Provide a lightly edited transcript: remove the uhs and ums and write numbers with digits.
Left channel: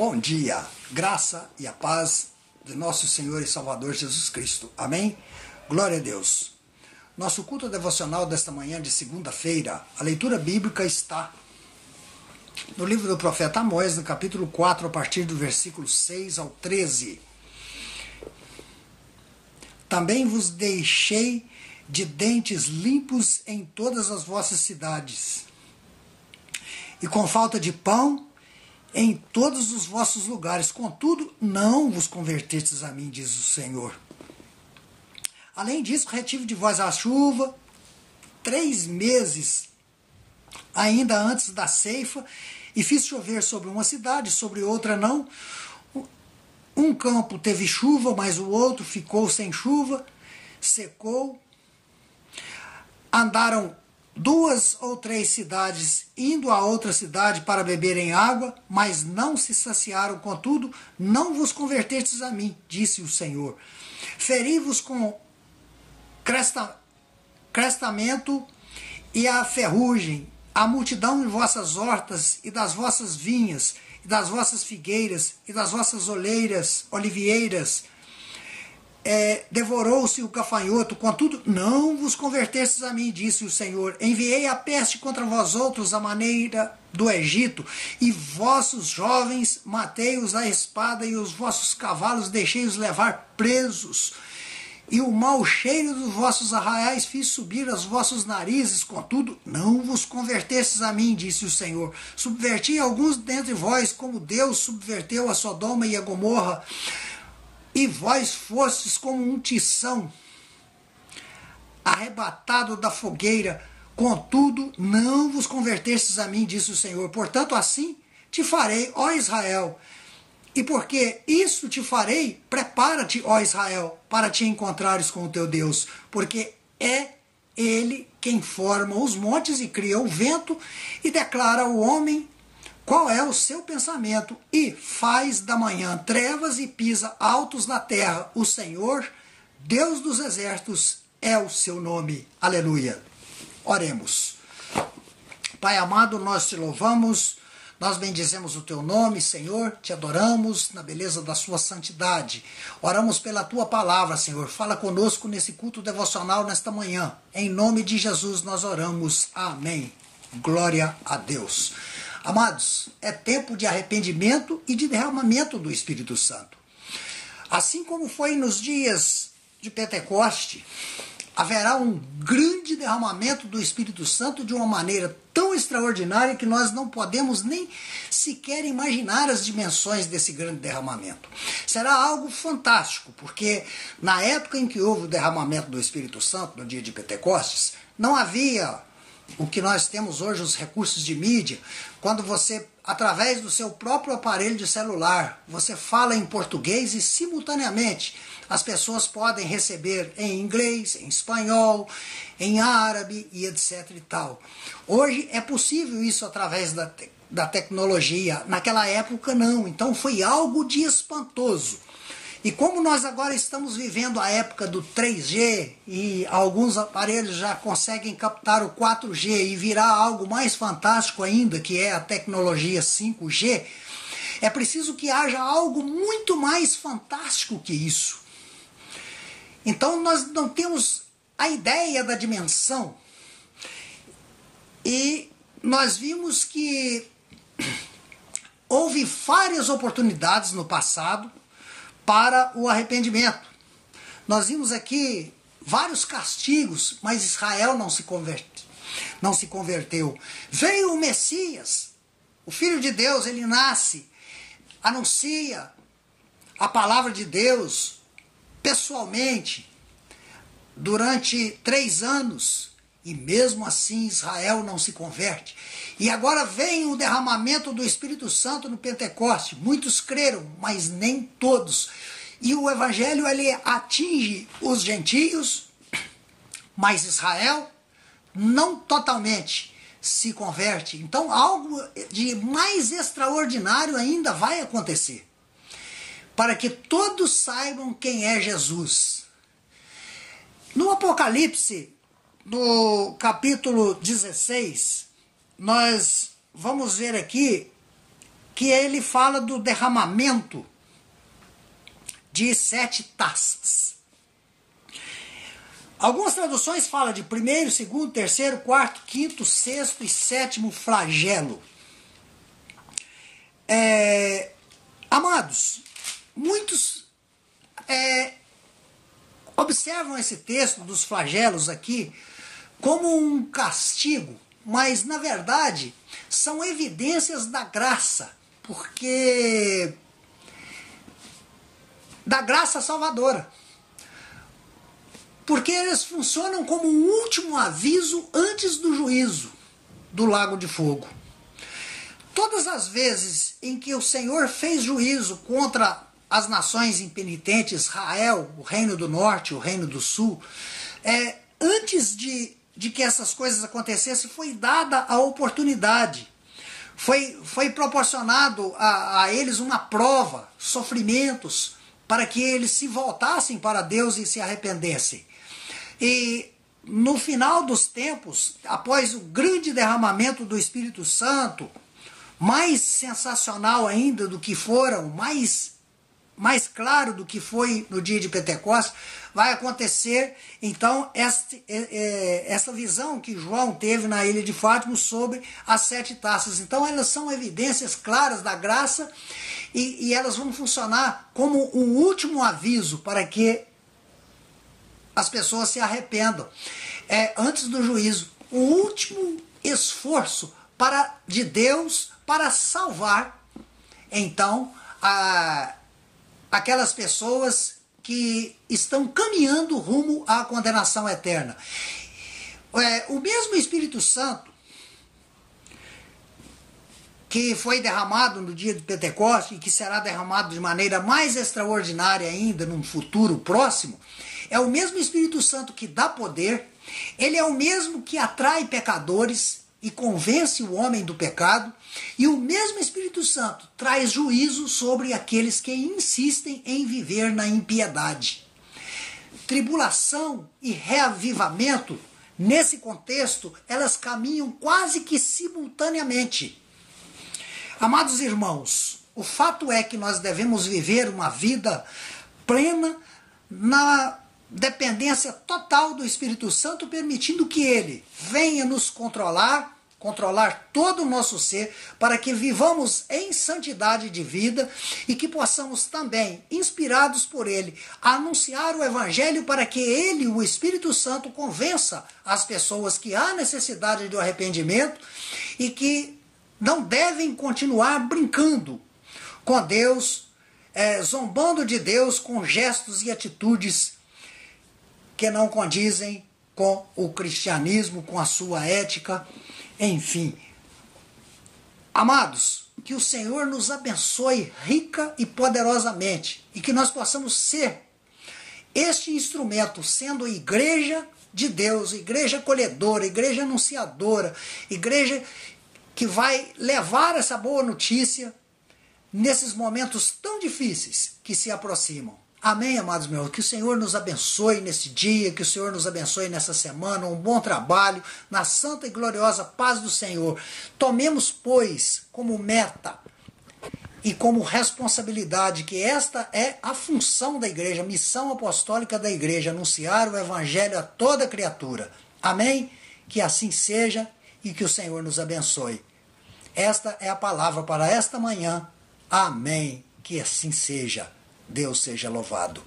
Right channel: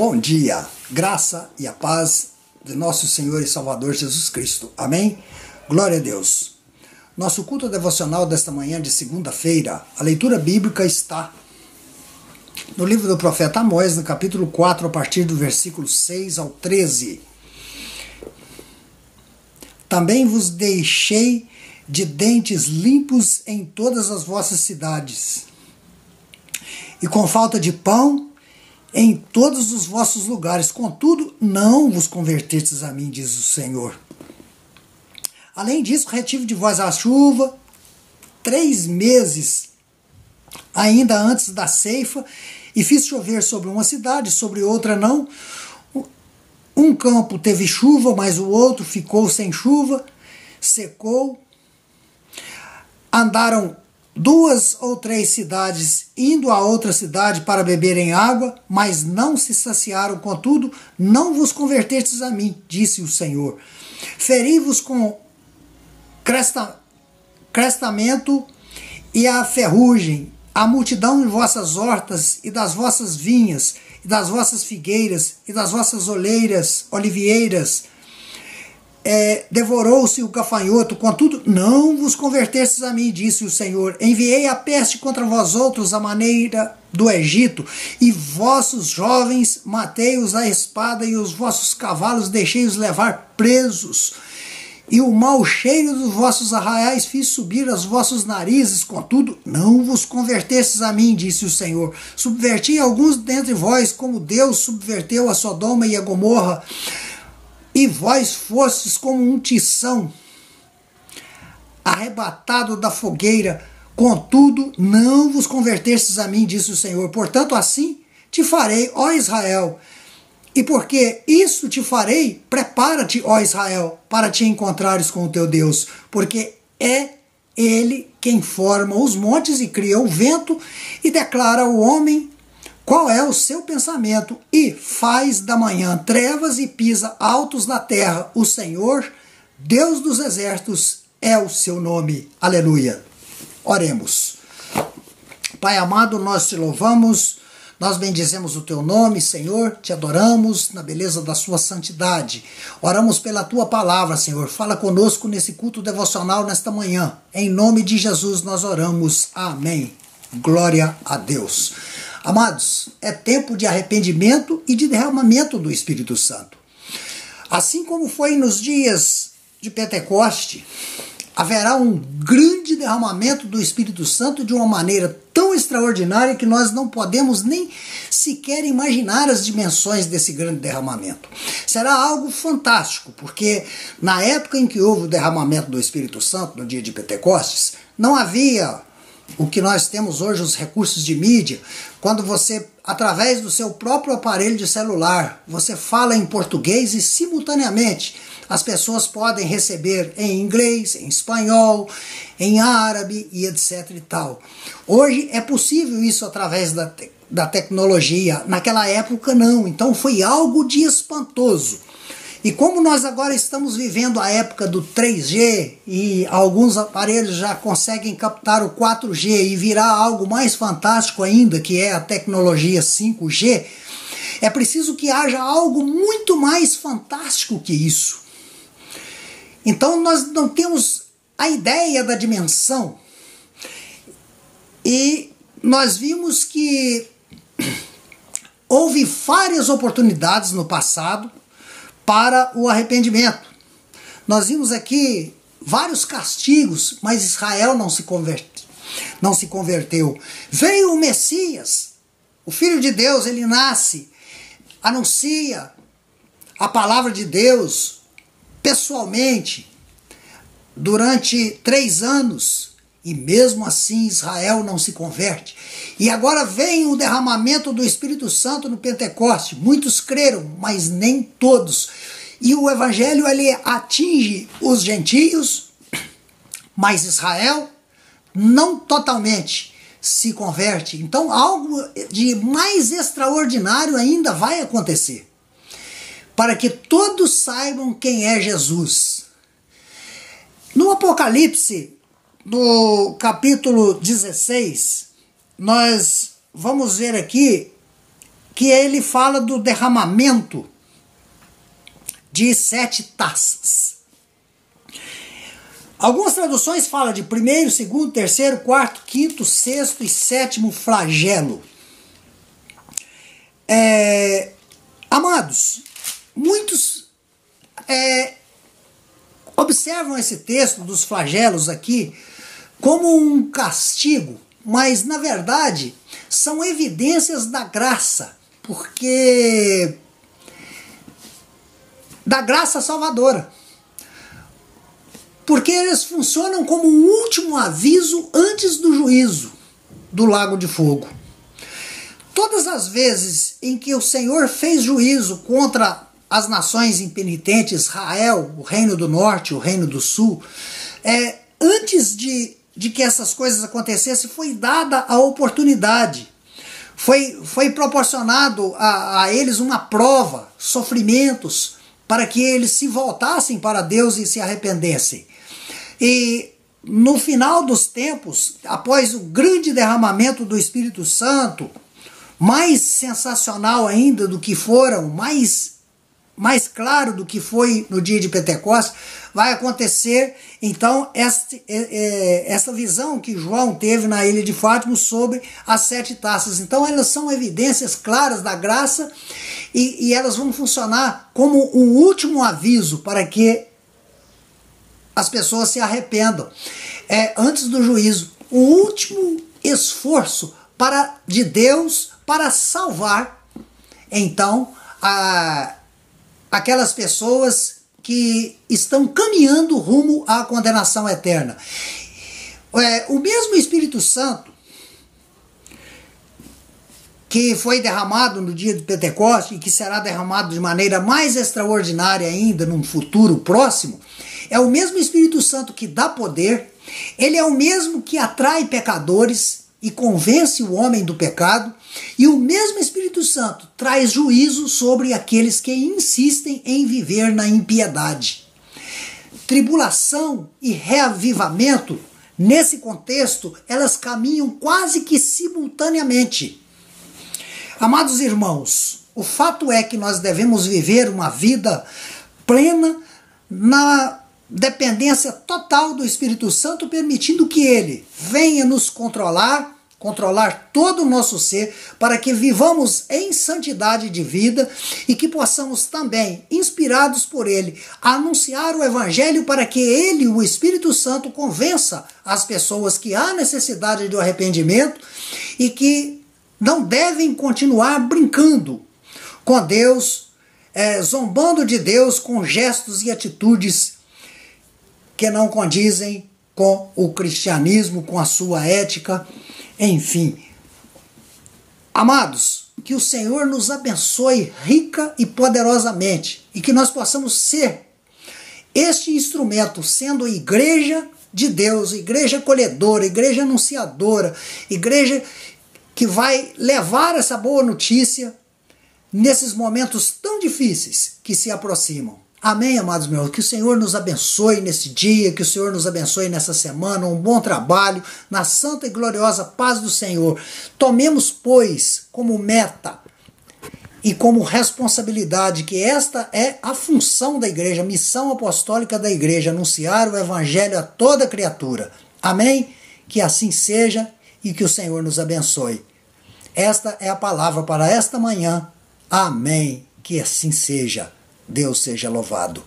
Bom dia, graça e a paz de nosso Senhor e Salvador Jesus Cristo. Amém? Glória a Deus. Nosso culto devocional desta manhã de segunda-feira, a leitura bíblica está no livro do profeta Amós, no capítulo 4, a partir do versículo 6 ao 13. Também vos deixei de dentes limpos em todas as vossas cidades, e com falta de pão em todos os vossos lugares. Contudo, não vos convertestes a mim, diz o Senhor. Além disso, retive de vós a chuva 3 meses ainda antes da ceifa, e fiz chover sobre uma cidade, sobre outra não. Um campo teve chuva, mas o outro ficou sem chuva, secou. Andaram 2 ou 3 cidades indo a outra cidade para beberem água, mas não se saciaram. Contudo, não vos convertestes a mim, disse o Senhor. Feri-vos com crestamento e a ferrugem, a multidão em vossas hortas e das vossas vinhas, e das vossas figueiras, e das vossas oliveiras. Devorou-se o gafanhoto, contudo não vos convertestes a mim, disse o Senhor. Enviei a peste contra vós outros, à maneira do Egito, e vossos jovens matei-os à espada, e os vossos cavalos deixei-os levar presos. E o mau cheiro dos vossos arraiais fiz subir aos vossos narizes, contudo não vos convertestes a mim, disse o Senhor. Subverti alguns dentre vós, como Deus subverteu a Sodoma e a Gomorra, e vós fostes como um tição arrebatado da fogueira, contudo não vos convertestes a mim, disse o Senhor. Portanto, assim te farei, ó Israel, e porque isso te farei, prepara-te, ó Israel, para te encontrares com o teu Deus, porque é Ele quem forma os montes e cria o vento e declara ao homem qual é o seu pensamento, e faz da manhã trevas e pisa altos na terra. O Senhor, Deus dos exércitos, é o seu nome. Aleluia. Oremos. Pai amado, nós te louvamos, nós bendizemos o teu nome, Senhor, te adoramos na beleza da sua santidade. Oramos pela tua palavra, Senhor. Fala conosco nesse culto devocional nesta manhã. Em nome de Jesus nós oramos. Amém. Glória a Deus. Amados, é tempo de arrependimento e de derramamento do Espírito Santo. Assim como foi nos dias de Pentecoste, haverá um grande derramamento do Espírito Santo de uma maneira tão extraordinária que nós não podemos nem sequer imaginar as dimensões desse grande derramamento. Será algo fantástico, porque na época em que houve o derramamento do Espírito Santo, no dia de Pentecostes, não havia o que nós temos hoje, os recursos de mídia, quando você, através do seu próprio aparelho de celular, você fala em português e simultaneamente as pessoas podem receber em inglês, em espanhol, em árabe e etc e tal. Hoje é possível isso através da tecnologia, naquela época não, então foi algo de espantoso. E como nós agora estamos vivendo a época do 3G e alguns aparelhos já conseguem captar o 4G e virar algo mais fantástico ainda, que é a tecnologia 5G, é preciso que haja algo muito mais fantástico que isso. Então nós não temos a ideia da dimensão. E nós vimos que houve várias oportunidades no passado para o arrependimento. Nós vimos aqui vários castigos, mas Israel não se converteu. Veio o Messias, o Filho de Deus, ele nasce, anuncia a palavra de Deus pessoalmente durante 3 anos, e mesmo assim Israel não se converte. E agora vem o derramamento do Espírito Santo no Pentecoste. Muitos creram, mas nem todos. E o Evangelho ele atinge os gentios, mas Israel não totalmente se converte. Então algo de mais extraordinário ainda vai acontecer, para que todos saibam quem é Jesus. No Apocalipse, no capítulo 16, nós vamos ver aqui que ele fala do derramamento de 7 taças. Algumas traduções falam de primeiro, segundo, terceiro, quarto, quinto, sexto e sétimo flagelo. Amados, muitos observam esse texto dos flagelos aqui como um castigo, mas na verdade são evidências da graça, porque da graça salvadora. Porque eles funcionam como um último aviso antes do juízo do lago de fogo. Todas as vezes em que o Senhor fez juízo contra as nações impenitentes, Israel, o reino do norte, o reino do sul, antes de que essas coisas acontecessem, foi dada a oportunidade. Foi proporcionado a eles uma prova, sofrimentos, para que eles se voltassem para Deus e se arrependessem. E no final dos tempos, após o grande derramamento do Espírito Santo, mais sensacional ainda do que foram, mais claro do que foi no dia de Pentecostes, vai acontecer então essa visão que João teve na ilha de Fátima sobre as 7 taças. Então elas são evidências claras da graça e elas vão funcionar como um último aviso para que as pessoas se arrependam. Antes do juízo, o último esforço de Deus para salvar, então, aquelas pessoas que estão caminhando rumo à condenação eterna. O mesmo Espírito Santo que foi derramado no dia de Pentecostes e que será derramado de maneira mais extraordinária ainda num futuro próximo, é o mesmo Espírito Santo que dá poder, ele é o mesmo que atrai pecadores e convence o homem do pecado, e o mesmo Espírito Santo traz juízo sobre aqueles que insistem em viver na impiedade. Tribulação e reavivamento, nesse contexto, elas caminham quase que simultaneamente. Amados irmãos, o fato é que nós devemos viver uma vida plena na dependência total do Espírito Santo, permitindo que ele venha nos controlar todo o nosso ser, para que vivamos em santidade de vida e que possamos também, inspirados por ele, anunciar o Evangelho para que ele, o Espírito Santo, convença as pessoas que há necessidade do arrependimento e que não devem continuar brincando com Deus, zombando de Deus com gestos e atitudes que não condizem com o cristianismo, com a sua ética, enfim. Amados, que o Senhor nos abençoe rica e poderosamente e que nós possamos ser este instrumento, sendo igreja de Deus, igreja acolhedora, igreja anunciadora, igreja que vai levar essa boa notícia nesses momentos tão difíceis que se aproximam. Amém, amados meus? Que o Senhor nos abençoe nesse dia, que o Senhor nos abençoe nessa semana, um bom trabalho, na santa e gloriosa paz do Senhor. Tomemos, pois, como meta e como responsabilidade que esta é a função da igreja, a missão apostólica da igreja, anunciar o Evangelho a toda criatura. Amém? Que assim seja e que o Senhor nos abençoe. Esta é a palavra para esta manhã. Amém. Que assim seja. Deus seja louvado.